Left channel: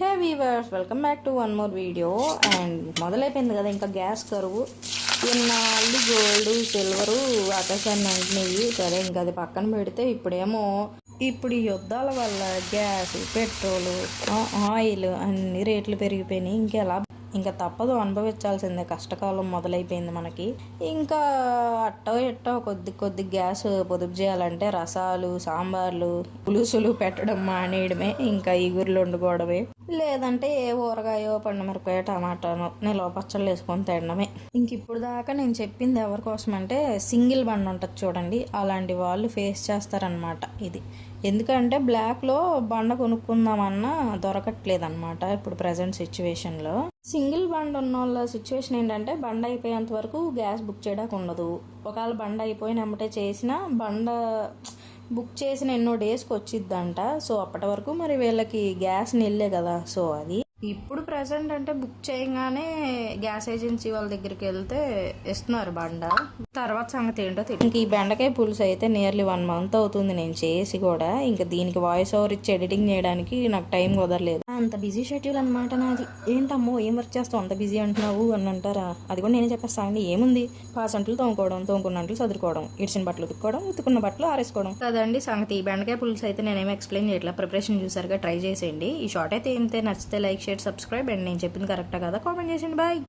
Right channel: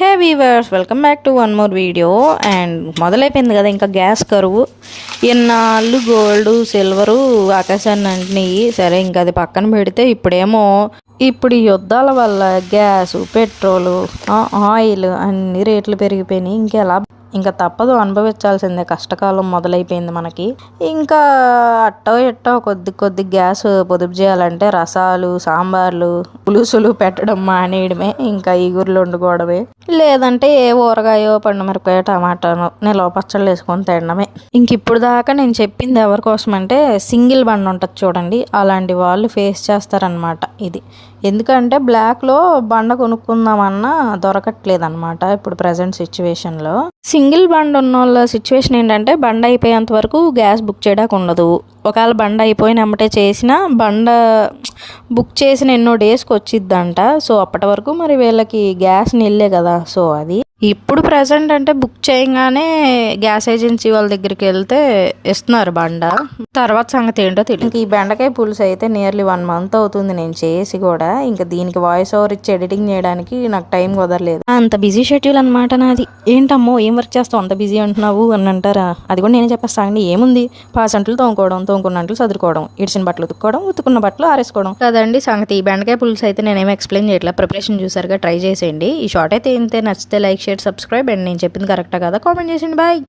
Hey weavers, welcome back to one more video. And మొదలైపోయింది కదా ఇంకా గ్యాస్ కరువు. ఎన్నాళ్ళు గోల్డ్ సిల్వరు ఆకాశాన్ని అంటున్నాయి. సరే ఇంకా అది పక్కన పెడితే ఇప్పుడు ఈ యుద్ధాల వల్ల గ్యాసు, పెట్రోలు, ఆయిల్ అన్ని రేట్లు పెరిగిపోయినాయి. ఇంకా తప్పదు, అనుభవించాల్సిందే. కష్టకాలం మొదలైపోయింది మనకి. ఇంకా అట్టో ఎట్టో కొద్ది గ్యాస్ పొదుపు చేయాలంటే రసాలు, సాంబార్లు, పులుసులు పెట్టడం మానేయడమే, ఇంకా ఈగుర్లు వండుకోవడమే, లేదంటే ఏ ఊరగాయో, పండుమిరపకాయ, టమాటానో నిలవ పచ్చళ్ళు వేసుకొని తినడమే. ఇంక ఇప్పుడు దాకా నేను చెప్పింది ఎవరి కోసం అంటే సింగిల్ బండి ఉంటుంది చూడండి, అలాంటి వాళ్ళు ఫేస్ చేస్తారనమాట ఇది. ఎందుకంటే బ్లాక్లో బండ కొనుక్కుందామన్నా దొరకట్లేదు అనమాట ఇప్పుడు ప్రజెంట్ సిచ్యువేషన్లో. సింగిల్ బండి ఉన్న వాళ్ళ సిచ్యువేషన్ ఏంటంటే బండ అయిపోయేంత వరకు గ్యాస్ బుక్ చేయడానికి ఉండదు. ఒకవేళ బండ అయిపోయిన వెంబటే చేసినా బండ బుక్ చేసిన ఎన్నో డేస్కి వచ్చిద్దంట. సో అప్పటి వరకు మరి వీళ్ళకి గ్యాస్ నిల్లే కదా. సో అది ఇప్పుడు ప్రజెంట్ అంటే బుక్ చేయగానే గ్యాస్ ఏజెన్సీ వాళ్ళ దగ్గరికి వెళ్తే ఇస్తున్నారు బండ. తర్వాత సంగతి ఏంటో తెలియదు. ఈ బెండకాయ పులుసు అయితే నియర్లీ 1 month అవుతుంది నేను చేసి కూడా. ఇంకా దీనికి వాయిస్ ఓవర్ ఇచ్చి ఎడిటింగ్ చేయడానికి నాకు టైం కుదరలేదు. అంత బిజీ షెడ్యూల్ అనమాట నాది. ఏంటమ్మో ఏం వర్క్ చేస్తావు అంత బిజీ అంటున్నావు అని అంటారా? అది కూడా నేనే చెప్పేస్తాను. ఏముంది, పాసంట్లు తోముకున్న అంట్లు చదువుకోవడం, ఇడిచిన బట్టలు ఉతుక్కోవడం, ఉతుకున్న బట్టలు ఆరేసుకోవడం కదండి సంగతి. ఈ బెండకాయ పులుసు అయితే నేనేమో ఎక్స్ప్లెయిన్ చేయట్లేదు, ప్రిపరేషన్ చూసారుగా, ట్రై చేసేయండి. ఈ షార్ట్ అయితే ఇంతే. నచ్చితే లైక్, షేర్, సబ్స్క్రైబ్. అండ్ నేను చెప్పింది కరెక్టా కదా కామెంట్ చేసేయండి. బాయ్.